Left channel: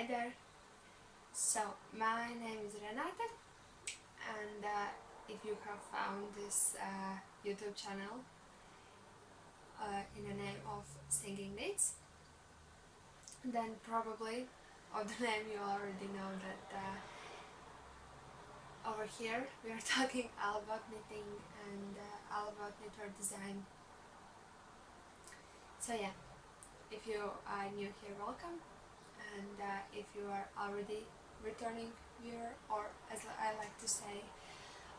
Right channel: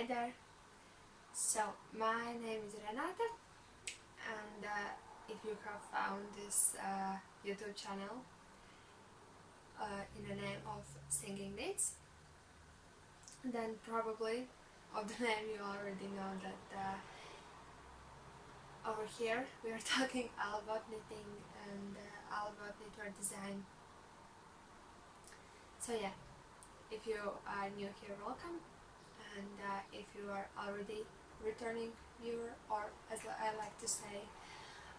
Hi there. So my name is Renata, and if you have found this YouTube channel in the name of Singing Knits, then probably of the name you already know that over here we are talking all about knitting and all about knitwear design. So yeah, if you are new here, welcome, and if you are already returning viewer, or as I like to say,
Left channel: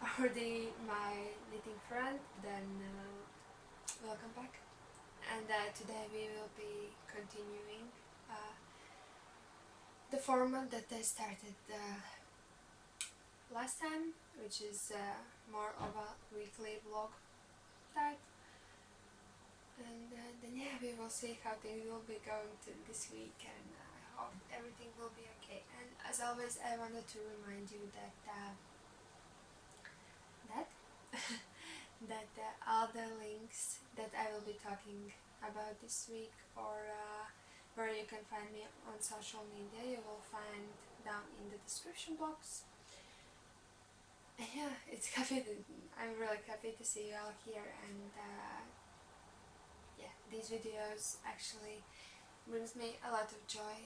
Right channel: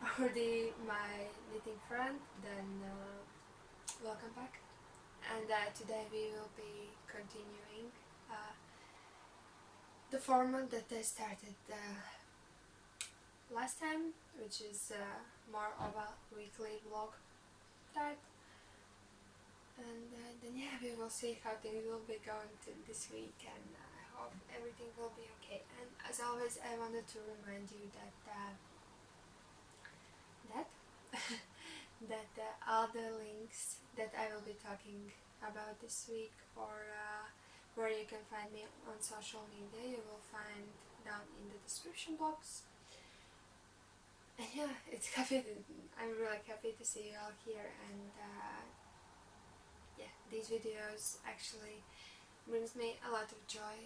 already my knitting friend, then welcome back. And today we will be continuing the format that I started last time, which is more of a weekly vlog type. And then yeah, we will see how things will be going to this week, and I hope everything will be okay. And as always, I wanted to remind you that that all the links that I will be talking about this week, or where you can find me on social media, you will find down in the description box. And yeah, I'm really happy to see you all here, and yeah, these videos actually brings me a lot of joy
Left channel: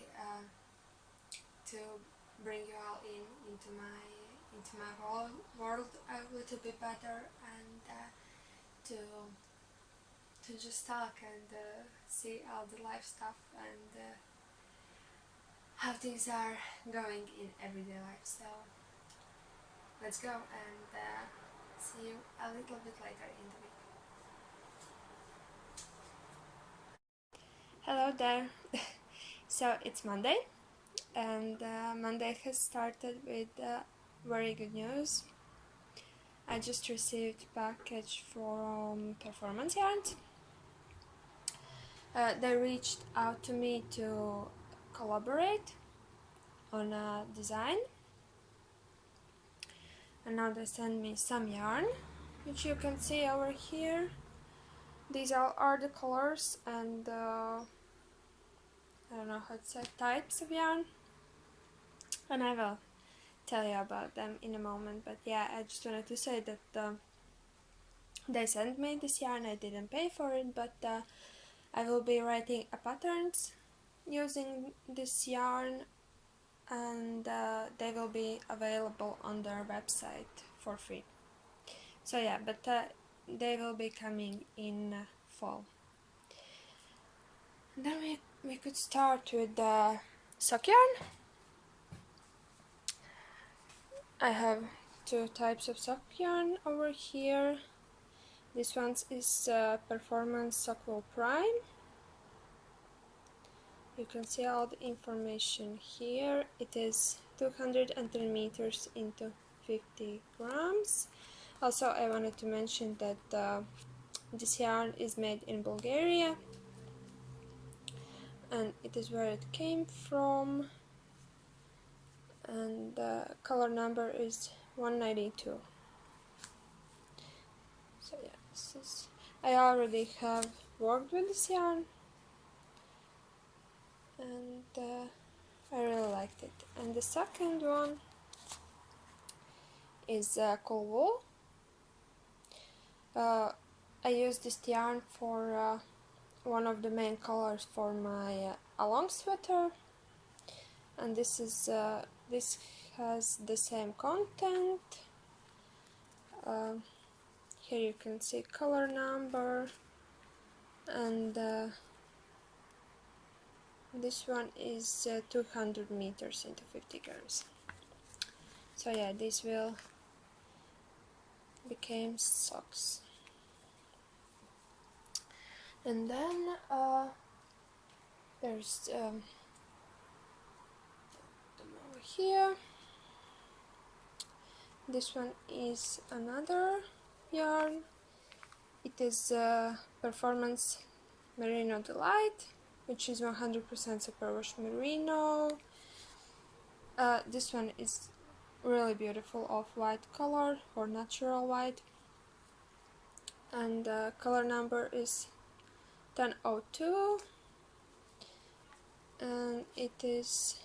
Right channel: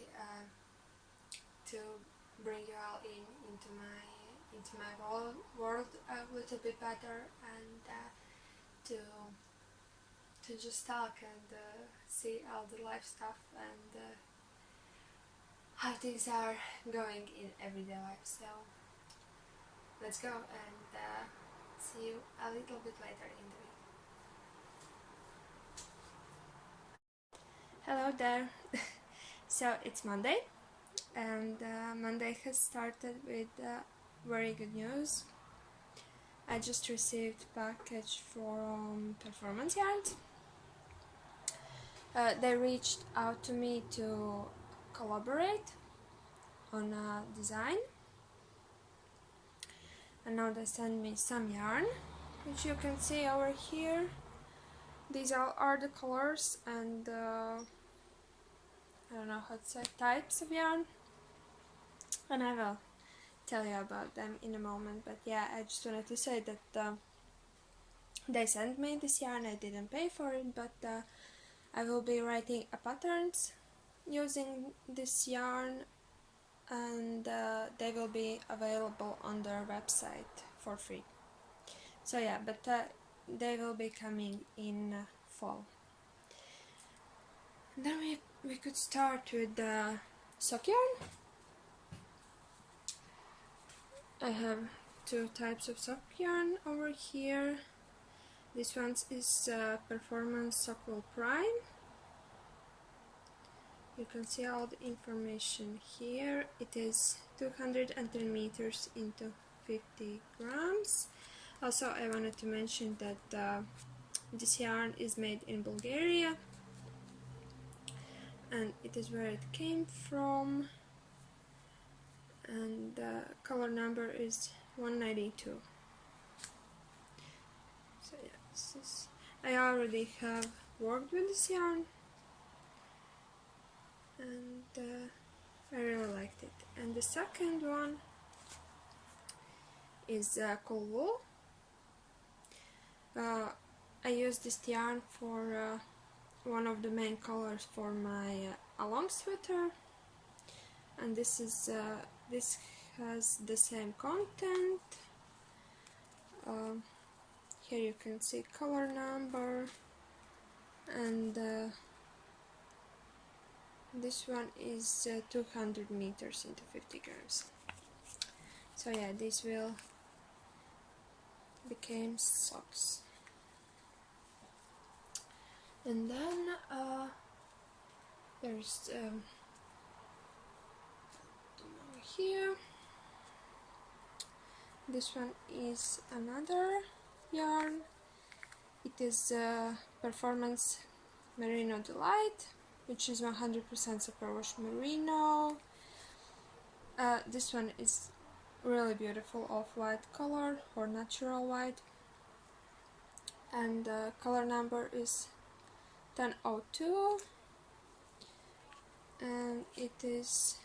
to bring you all into my world a little bit better, and to just talk and see all the life stuff, and how things are going in everyday life. So let's go, and see you a little bit later in the week. Hello there. So it's Monday, and Monday has started with very good news. I just received a package from Performance Yarns. They reached out to me to collaborate on a design, and now they send me some yarn, which you can see over here. These are the colors and I don't know how to say, types of yarn, and I will tell you about them in a moment. But yeah, I just wanted to say that they sent me this yarn. I didn't pay for it, but I will be writing a patterns using this yarn, and they will be available on their website for free. So yeah, but they will be coming in fall. And then we could start with the sock yarn. I have two types of sock yarn over here. This one is Performance Sockwool Prime. You can see all the information here. It is 210 meters into 50 grams. Also, I wanted to mention that this yarn is made in Bulgaria, and it is where it came from, and the color number is 192. So yeah, this is, I already have worked with this yarn, and I really liked it. And the second one is Cool Wool. I used this yarn for one of the main colors for my along sweater, and this has the same content. Here you can see color number, and this one is 200 meters into 50 grams. So yeah, this will become socks. And then there's over here. This one is another yarn. It is Performance Merino Delight, which is 100% superwash merino. This one is really beautiful off-white color, or natural white, and color number is 1002, and it is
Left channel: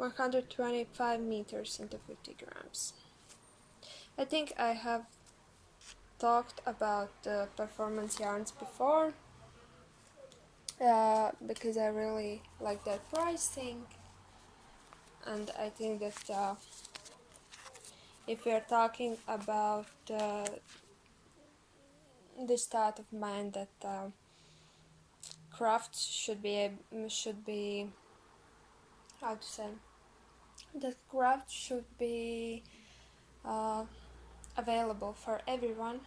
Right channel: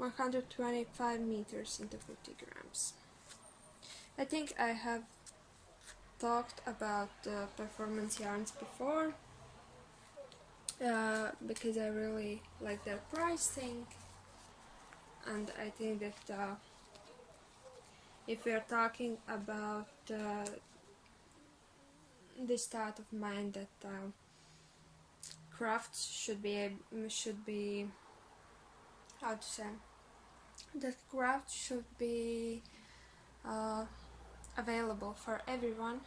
125 meters into 50 grams. I think I have talked about the performance yarns before, because I really like their pricing, and I think that if we are talking about the state of mind that crafts should be how to say, that craft should be available for everyone,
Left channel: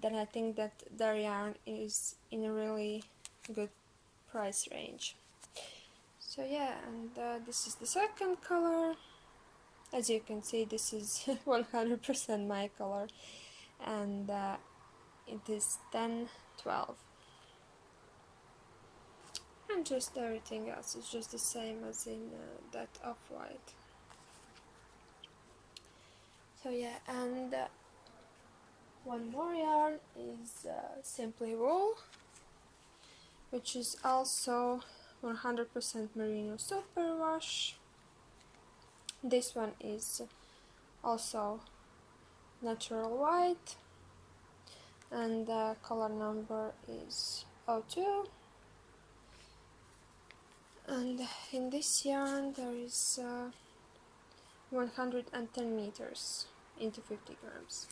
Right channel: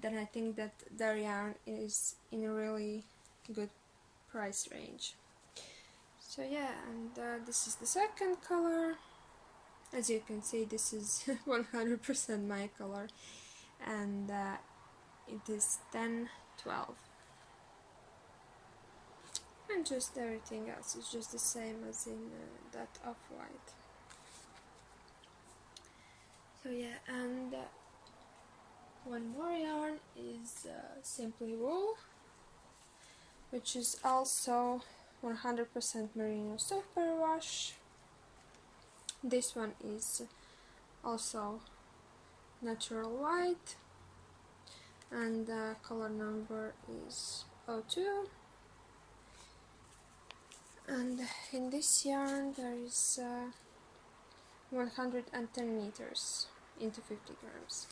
then I think that their yarn is in a really good price range. So yeah, and this is the second color. As you can see, this is 100% my color, and it is 10-12. And just everything else is just the same as in that off-white. So yeah, and one more yarn is Simply Wool, which is also 100% merino superwash. This one is also natural white, and the color number is 02. And in this yarn there is 110 meters into 50 grams.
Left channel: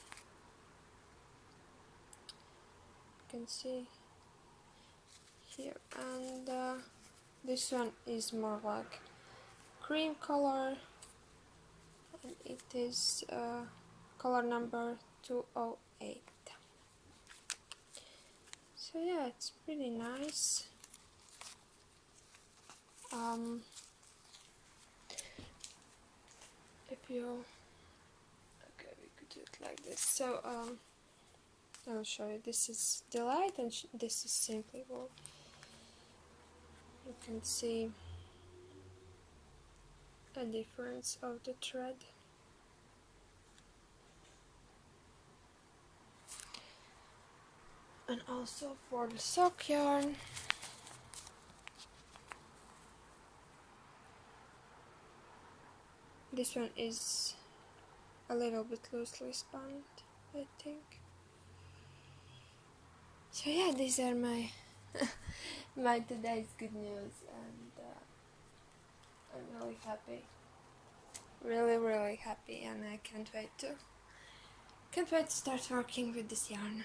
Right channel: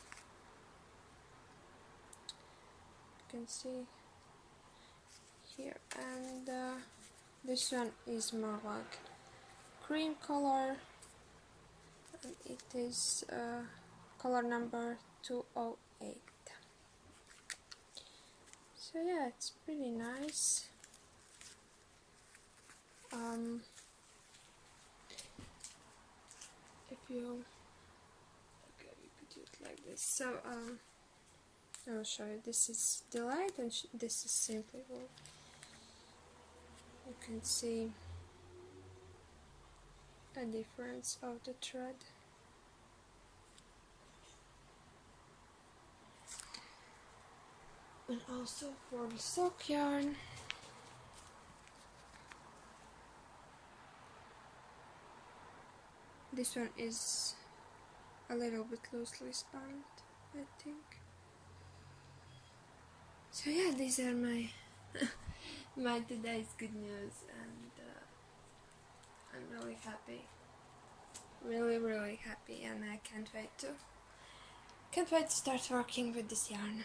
You can see here, and this one is more like cream color, and it is color number 208. So yeah, it's pretty nice. If you, okay, we could do it like this. So I will show you. This is Delight, and this is Simply Wool. You can see a difference of the thread. And also for the sock yarn, this one is a little bit loosely spun, I think. So yeah, these are my my today's good news, and I'm really happy, really happy, and I can't wait to start working with this yarn.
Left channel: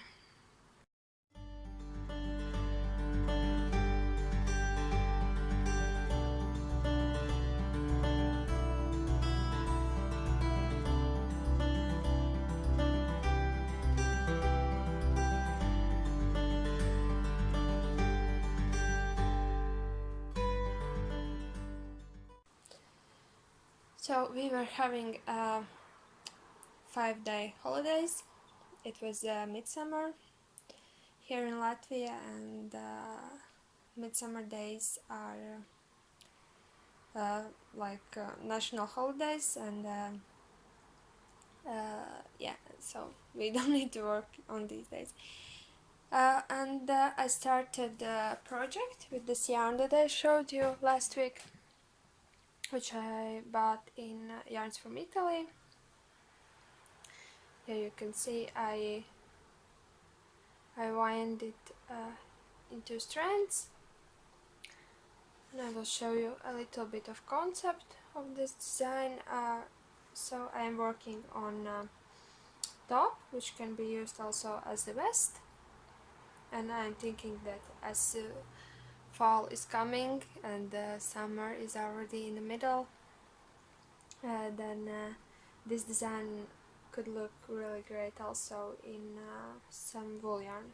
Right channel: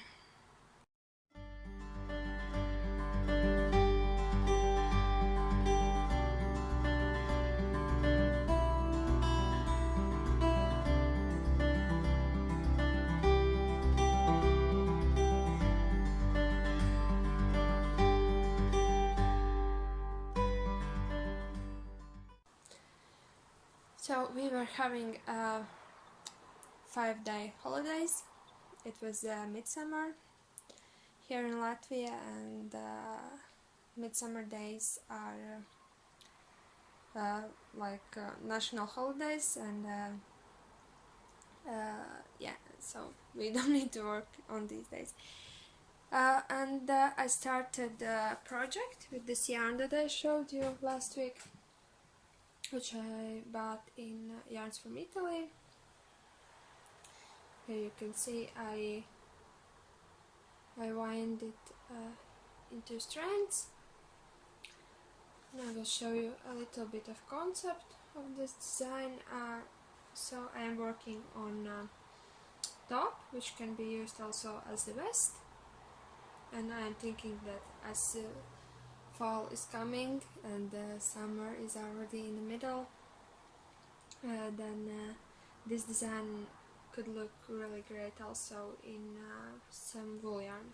So we were having 5-day holidays. It was midsummer here in Latvia, and midsummer days are like national holidays, and yeah, so we don't need to work on these days. And I started a project with this yarn that I showed you last week, which I bought in Yarns from Italy. Here you can see I wind it into strands, and I will show you a little bit of concept of this design. So I am working on top, which can be used also as the vest, and I'm thinking that as fall is coming and summer is already in the middle, then this design could look really great also in some wool yarn.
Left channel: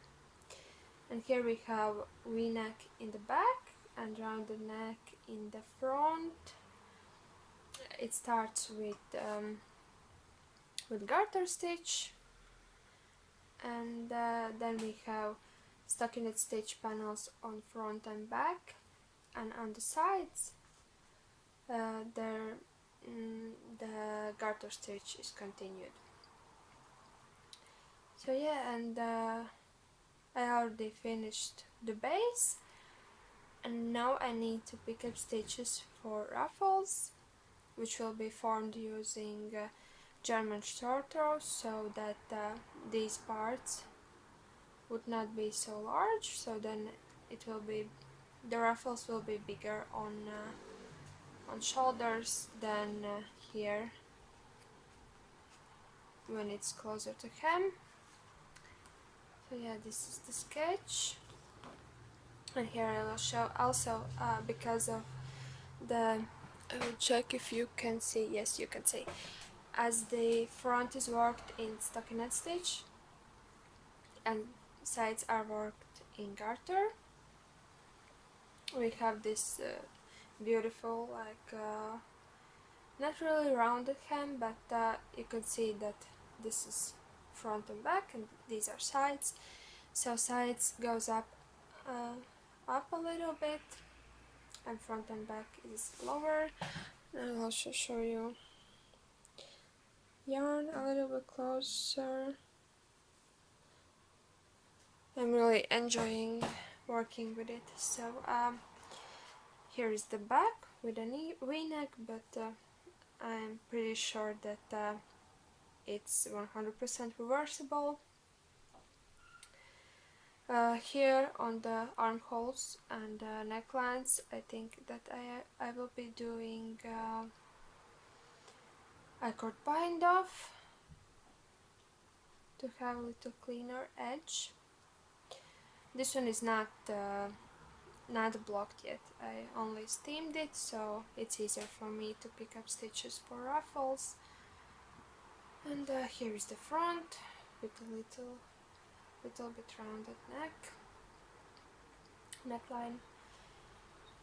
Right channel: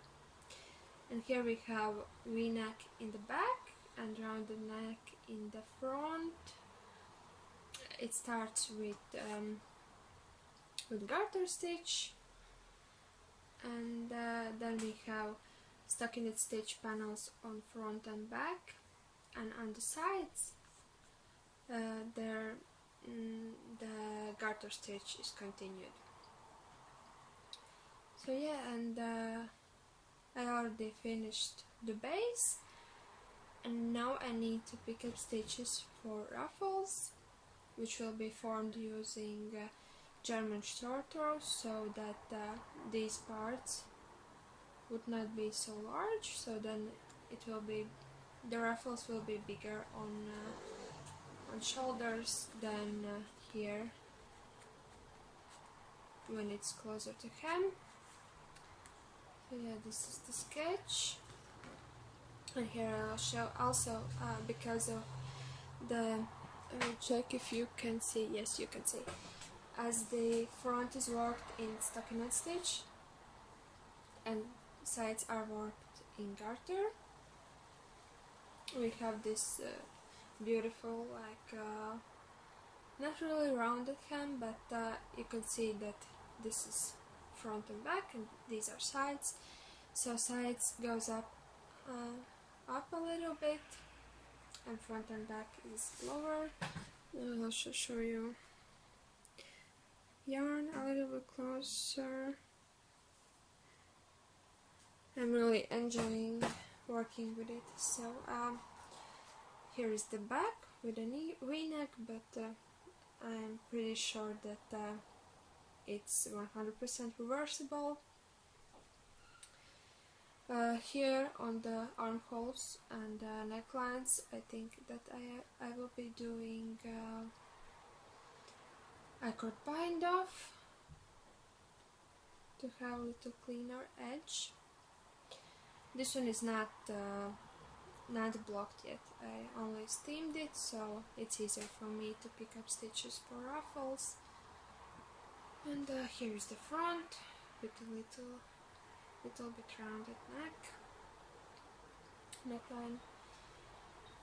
And here we have V-neck in the back and round the neck in the front. It starts with garter stitch, and then we have stockinette stitch panels on front and back, and on the sides the garter stitch is continued. So yeah, and I already finished the base, and now I need to pick up stitches for ruffles, which will be formed using German short rows, so that these parts would not be so large, so then it will be, the ruffles will be bigger on shoulders than here when it's closer to hem. So yeah, this is the sketch, and here I will show also because of the, I will check if you can see, yes you can see, as the front is worked in stockinette stitch and sides are worked in garter, we have this beautiful, like not really rounded hem, but you can see that this is front and back and these are sides. So sides goes up a little bit and front and back is lower. I'll also show you yarn a little bit closer. I'm really enjoying working with it. So here is the back with a V-neck, but I'm pretty sure that it's 100% reversible. Here on the armholes and necklines, I think that I will be doing a cord bind off to have a little cleaner edge. This one is not blocked yet. I only steamed it, so it's easier for me to pick up stitches for ruffles. And here's the front with a little bit rounded neckline.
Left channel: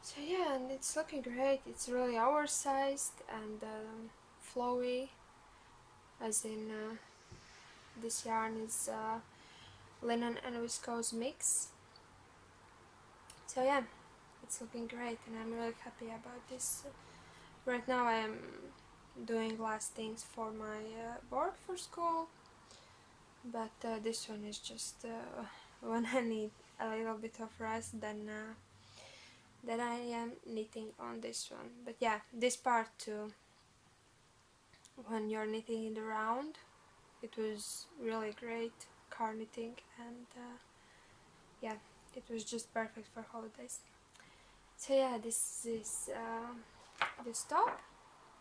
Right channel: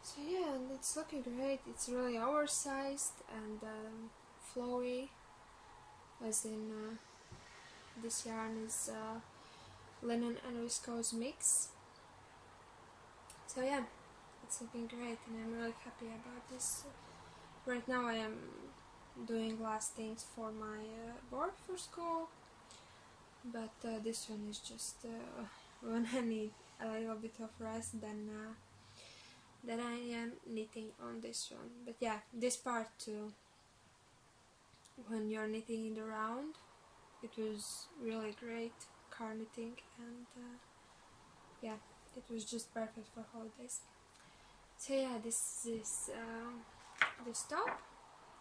So yeah, and it's looking great. It's really oversized and flowy, as in this yarn is linen and viscose mix. So yeah, it's looking great and I'm really happy about this. Right now I'm doing last things for my board for school, but this one is just when I need a little bit of rest, then I am knitting on this one. But yeah, this part too, when you're knitting in the round, it was really great car knitting, and yeah, it was just perfect for holidays. So yeah, this is this top,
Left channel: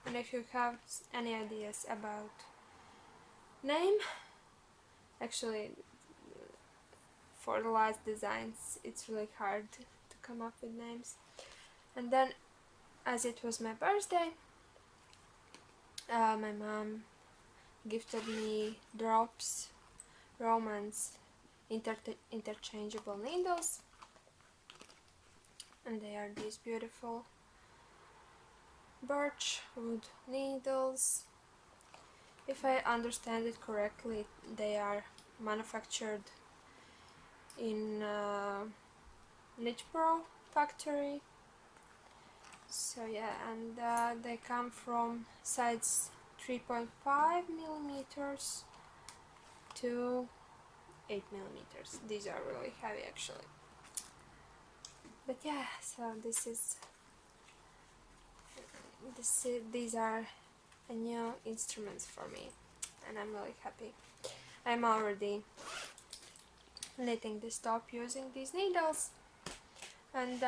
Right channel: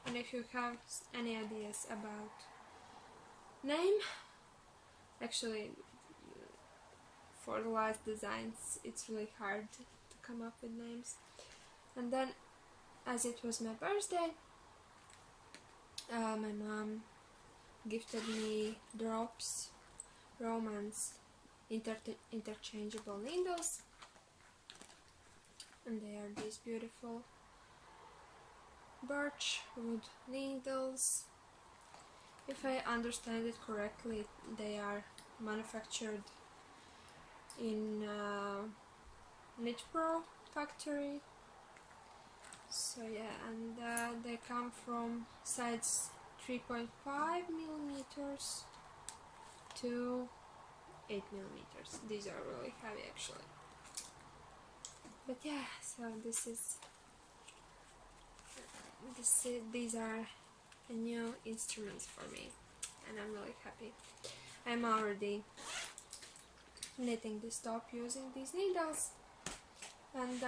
and if you have any ideas about name, actually for the last designs it's really hard to come up with names. And then, as it was my birthday, my mom gifted me Drops Romance interchangeable needles, and they are these beautiful birch wood needles. If I understand it correctly, they are manufactured in Knit Pro factory. So yeah, and they come from size 3.5 millimeters to 8 millimeters. These are really heavy actually. But yeah, so these are a new instruments for me, and I'm really happy. I'm already knitting this top using these needles, and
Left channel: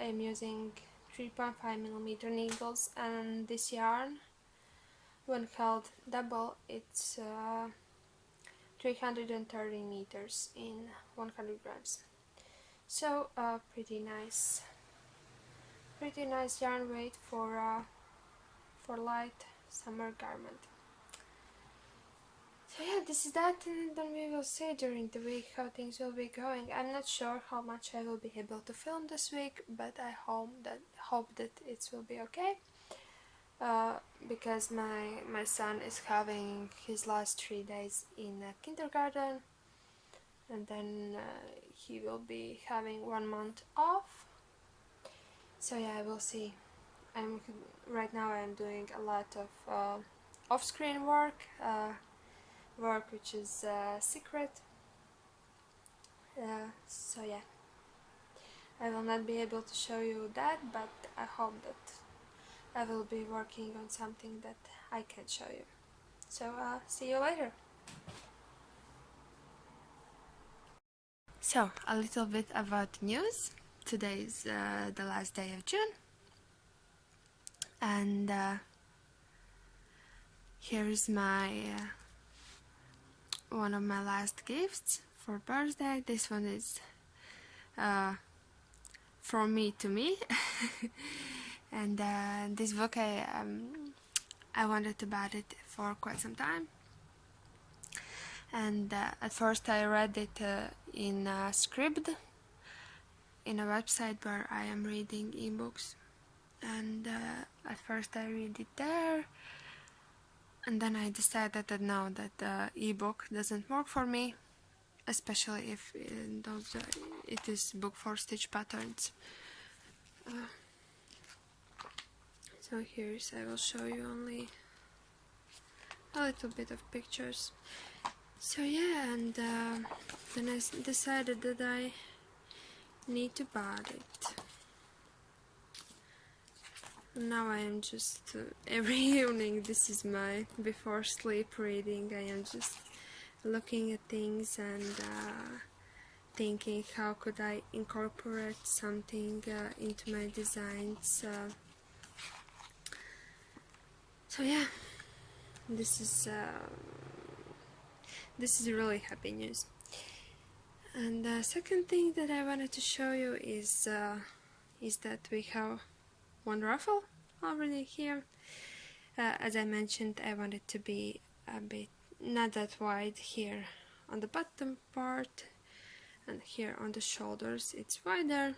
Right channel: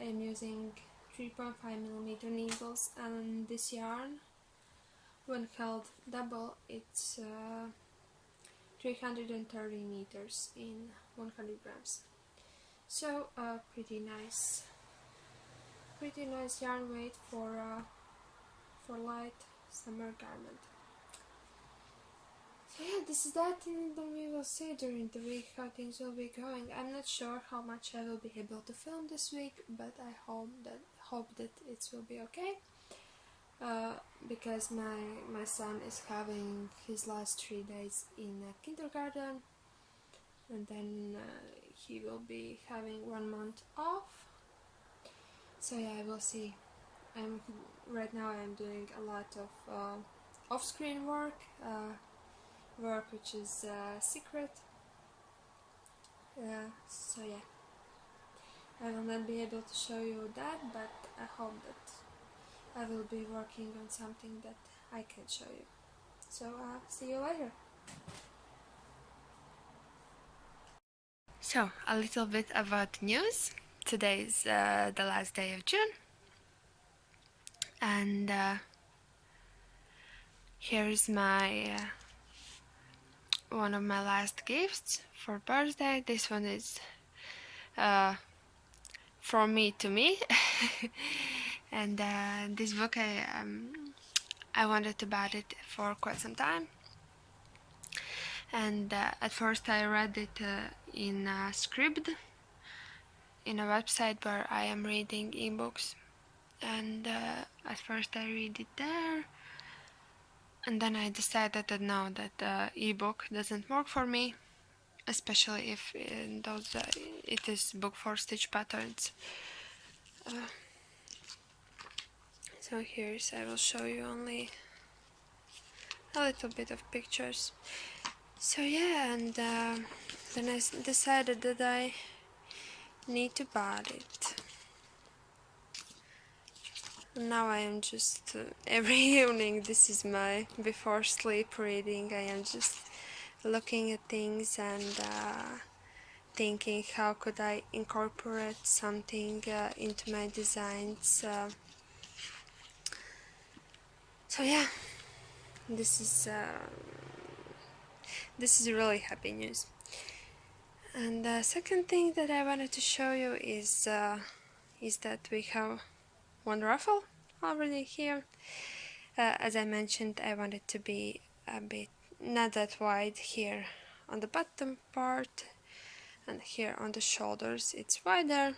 I'm using 3.5 millimeter needles, and this yarn, when held double, it's 330 meters in 100 grams. So pretty nice yarn weight for light summer garment. So yeah, this is that, and then we will see during the week how things will be going. I'm not sure how much I will be able to film this week, but I hope that it will be okay. Because my son is having his last 3 days in kindergarten, and then he will be having 1 month off. So yeah, we'll see. Right now I'm doing a lot of off-screen work which is secret. So yeah, I will not be able to show you that, but I hope that I will be working on something that I can show you. So see you later. So a little bit about news. Today is the last day of June, and here's my one of my last gifts for birthday. This one is from me to me. And this book I wanted to buy it for quite some time, and at first I read it in Scribd, in a website where I am reading ebooks, and at first I read it there, and then I decided that no, that ebook doesn't work for me, especially if it is book for stitch patterns. So here's, I will show you only a little bit of pictures. So yeah, and then I decided that I need to buy it. Now I am just every evening, this is my before sleep reading. I am just looking at things and thinking how could I incorporate something into my designs. So yeah, this is really happy news. And the second thing that I wanted to show you is that we have one ruffle already here. As I mentioned, I want it to be a bit not that wide here on the bottom part, and here on the shoulders it's wider.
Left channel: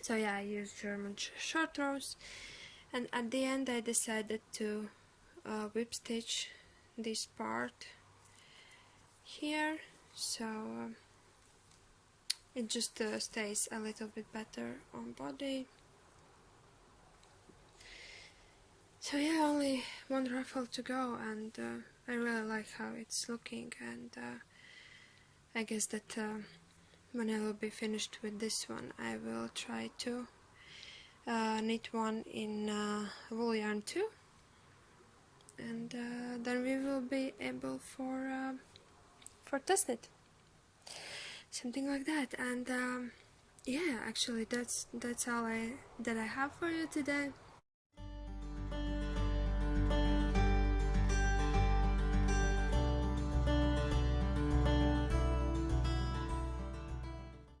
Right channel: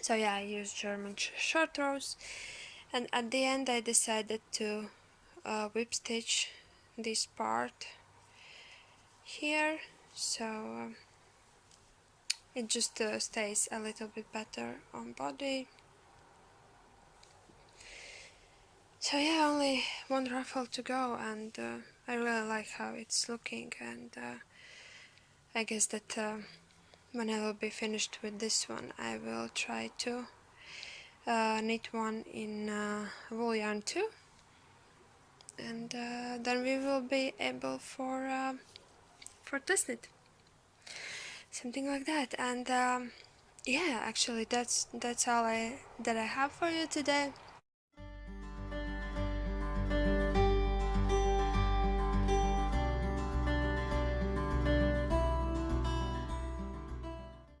So yeah, I use German short rows, and at the end I decided to whip stitch this part here, so it just stays a little bit better on body. So yeah, only one ruffle to go, and I really like how it's looking, and I guess that when I will be finished with this one, I will try to knit one in wool yarn too, and then we will be able for test knit, something like that. And yeah, actually that's all that I have for you today.